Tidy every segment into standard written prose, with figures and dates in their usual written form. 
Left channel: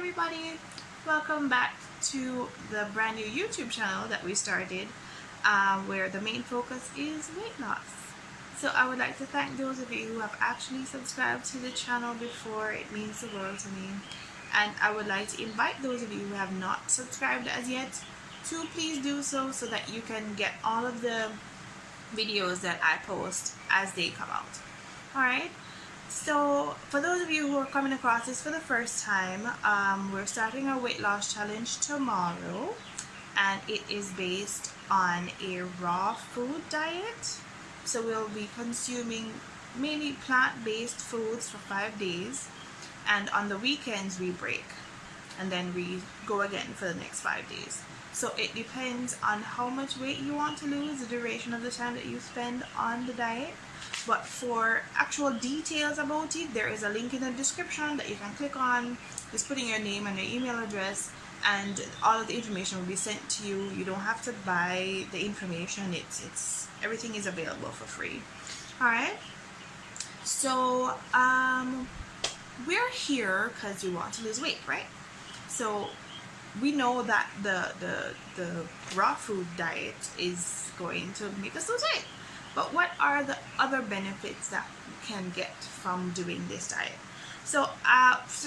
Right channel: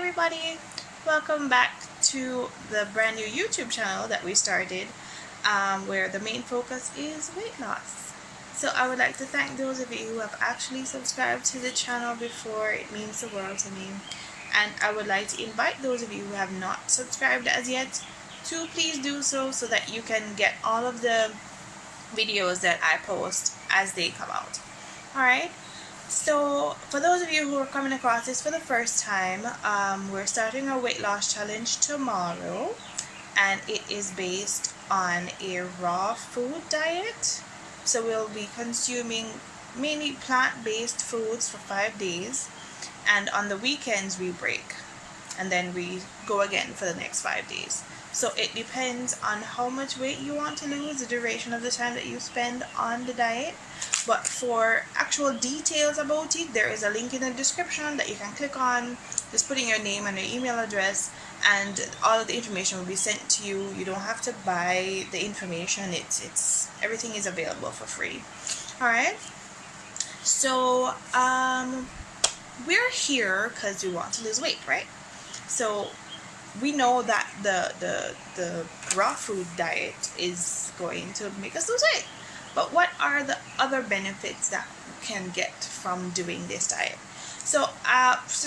everybody, welcome back to the brand new YouTube channel that we started, where the main focus is weight loss. So I would like to thank those of you who have actually subscribed to the channel before. It means the world to me. And I would like to invite those of you who have not subscribed as yet to please do so that you can get all of the videos that I post as they come out. Alright, so for those of you who are coming across this for the first time, we're starting our weight loss challenge tomorrow, and it is based on a raw food diet. So we'll be consuming mainly plant-based foods for 5 days, and on the weekends we break and then we go again for the next 5 days. So it depends on how much weight you want to lose, the duration of the time that you spend on the diet. But for actual details about it, there is a link in the description that you can click on. Just put in your name and your email address, and all of the information will be sent to you. You don't have to buy the information. It's everything is available for free. Alright, so we're here because we want to lose weight, right? So we know that the raw food diet is going to make us lose weight. But what are the other benefits that we can get from doing this diet? So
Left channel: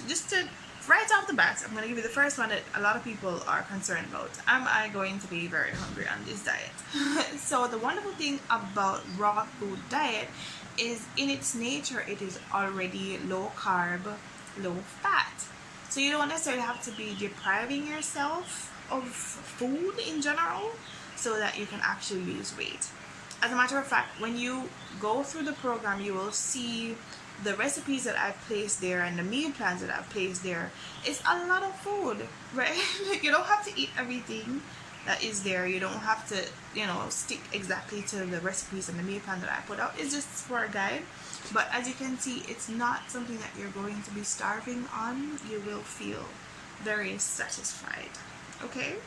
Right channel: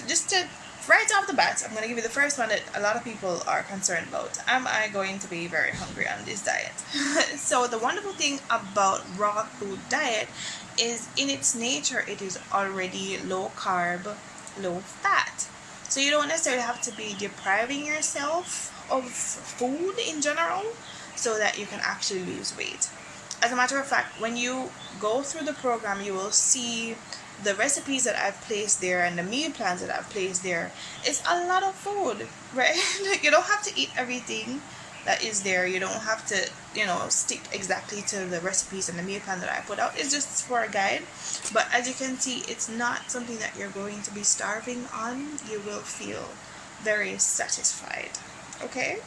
just to right off the bat, I'm going to give you the first one that a lot of people are concerned about. Am I going to be very hungry on this diet? So the wonderful thing about raw food diet is, in its nature, it is already low carb, low fat. So you don't necessarily have to be depriving yourself of food in general so that you can actually lose weight. As a matter of fact, when you go through the program, you will see the recipes that I've placed there and the meal plans that I've placed there. It's a lot of food, right? You don't have to eat everything that is there. You don't have to, stick exactly to the recipes and the meal plan that I put out. It's just for a guide. But as you can see, it's not something that you're going to be starving on. You will feel very satisfied. Okay?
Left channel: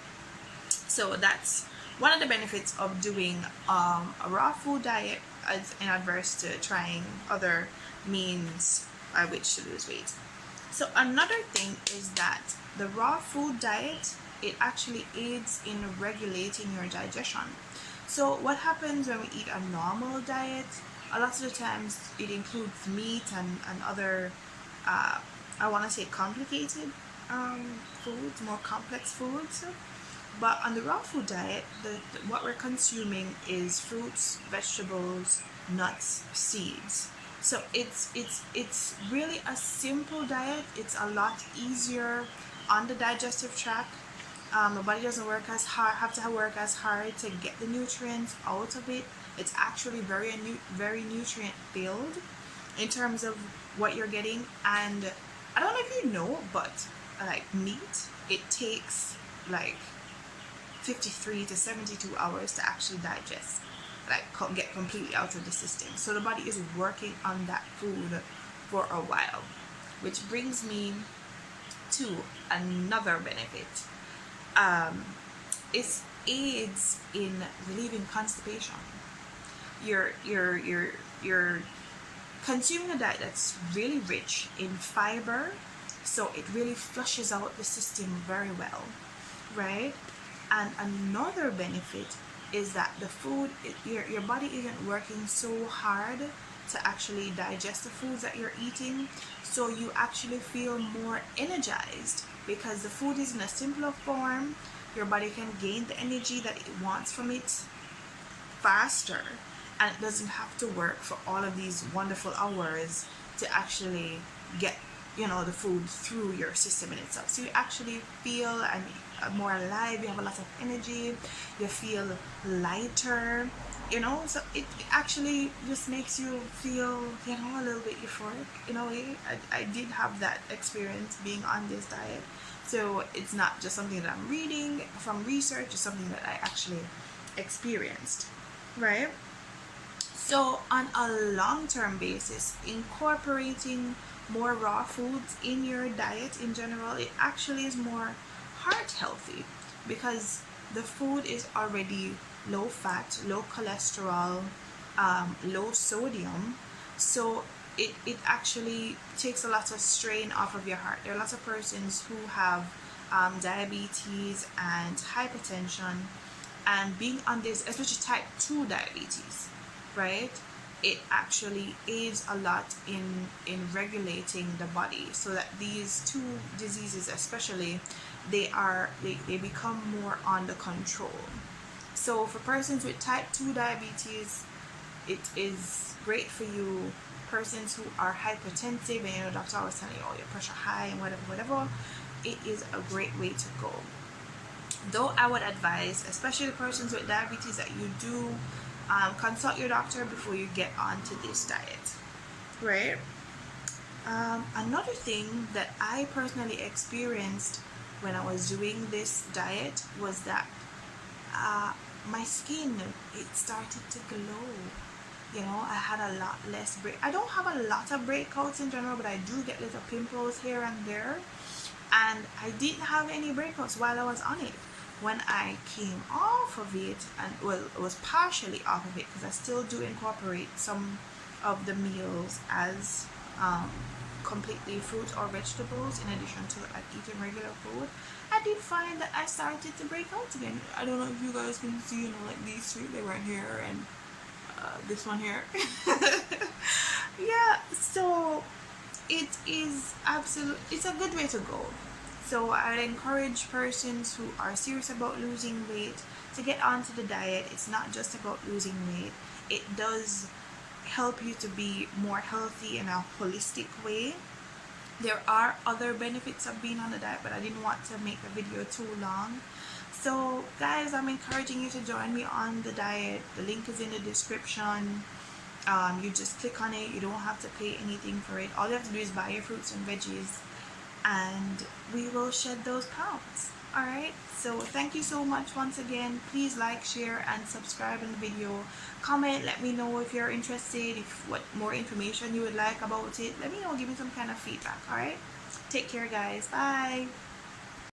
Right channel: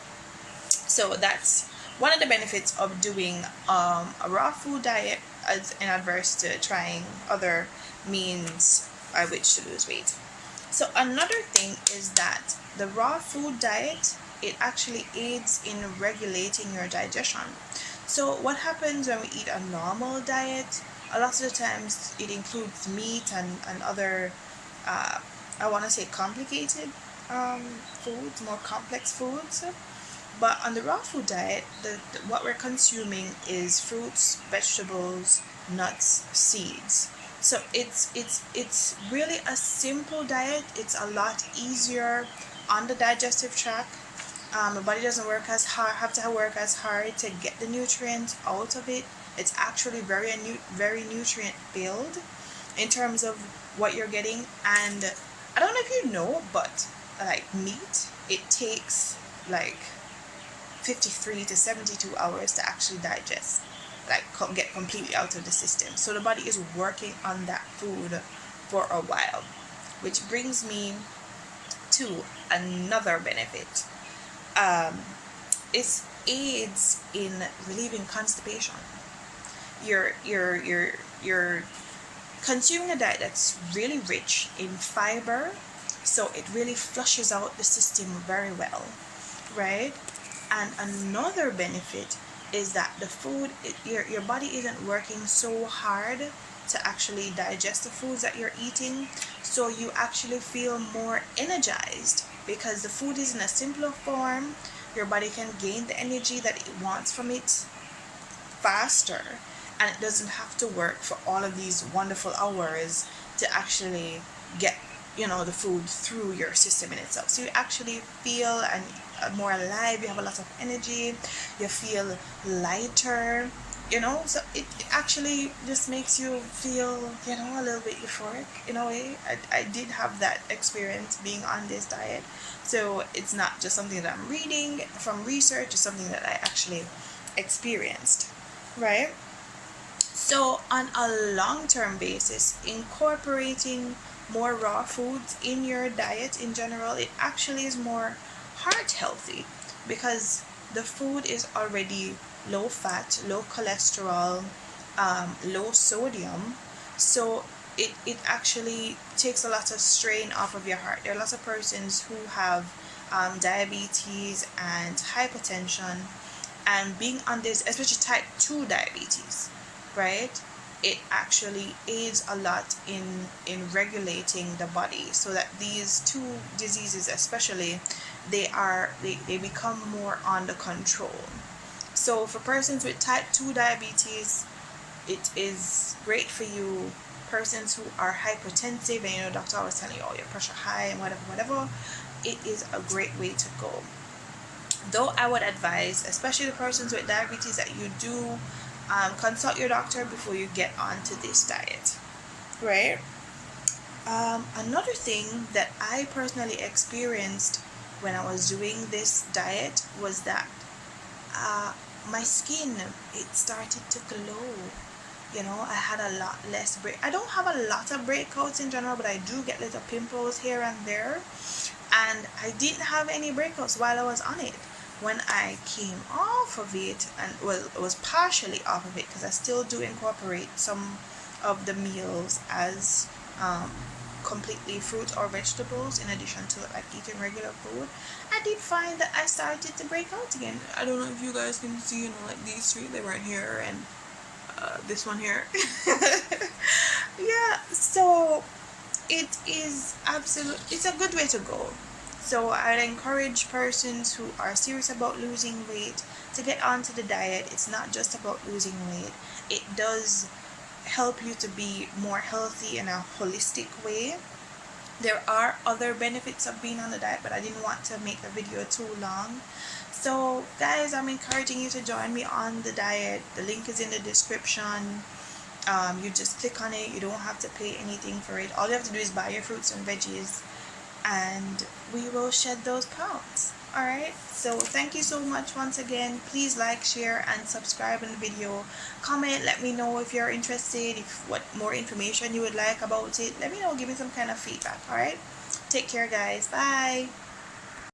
So that's one of the benefits of doing a raw food diet, as in adverse to trying other means by which to lose weight. So another thing is that the raw food diet, it actually aids in regulating your digestion. So what happens when we eat a normal diet? A lot of the times it includes meat and other, I want to say complicated foods, more complex foods. But on the raw food diet, what we're consuming is fruits, vegetables, nuts, seeds. So it's really a simple diet. It's a lot easier on the digestive tract. The body doesn't work as hard, have to work as hard to get the nutrients out of it. It's actually very nutrient filled in terms of what you're getting. And I don't know if you know, but like meat, it takes like 53 to 72 hours to actually digest, like get completely out of the system. So the body is working on that food for a while, which brings me to another benefit. It aids in relieving constipation. You're consuming a diet that's really rich in fiber, so it really flushes out the system very well, right? And another benefit is that the food, your body isn't working so hard to actually digest the foods that you're eating, so you actually feel more energized because the food is in a simpler form. Your body can gain the energy that it wants from it faster, and it doesn't have to work for all of these wonderful hours to actually get the food through your system in itself. So you actually feel more alive, you have a lot of energy, you feel lighter, so it actually just makes you feel a little bit euphoric in a way. I did have that experience being on this diet, so it's not just something that I'm reading from research, it's something that I actually experienced, right? So on a long-term basis, incorporating more raw foods in your diet in general, it actually is more heart healthy because the food is already low fat, low cholesterol, low sodium. So it actually takes a lot of strain off of your heart. There are lots of persons who have diabetes and hypertension, and being on this, especially type 2 diabetes, right, it actually aids a lot in regulating the body, so that these two diseases especially, they become more under control. So for persons with type 2 diabetes, it is great for you. Persons who are hypertensive and doctor was telling you, oh, your pressure high and whatever, it is a great way to go. Though I would advise, especially the persons with diabetes, that you do consult your doctor before you get onto this diet, right? Another thing that I personally experienced when I was doing this diet was that my skin, it started to glow. I had a lot less I don't have a lot of breakouts in general, but I do get little pimples here and there, and I didn't have any breakouts while I was on it. When I came off of it, and well, it was partially off of it, because I still do incorporate some of the meals as completely fruit or vegetables in addition to like eating regular food, I did find that I started to break out again. I don't know if you guys can see, like these three, they weren't here, and this one here. Yeah, so it is it's a good way to go. So I'd encourage persons who are serious about losing weight to get onto the diet. It's not just about losing weight. It does help you to be more healthy in a holistic way. There are other benefits of being on the diet, but I didn't want to make the video too long. So guys, I'm encouraging you to join me on the diet. The link is in the description. You just click on it. You don't have to pay anything for it. All you have to do is buy your fruits and veggies, and we will shed those pounds. Alright, so thank you so much once again. Please like, share, and subscribe in the video. Comment, let me know if you're interested, if what more information you would like about it. Let me know, give me some kind of feedback. Alright, take care guys, bye.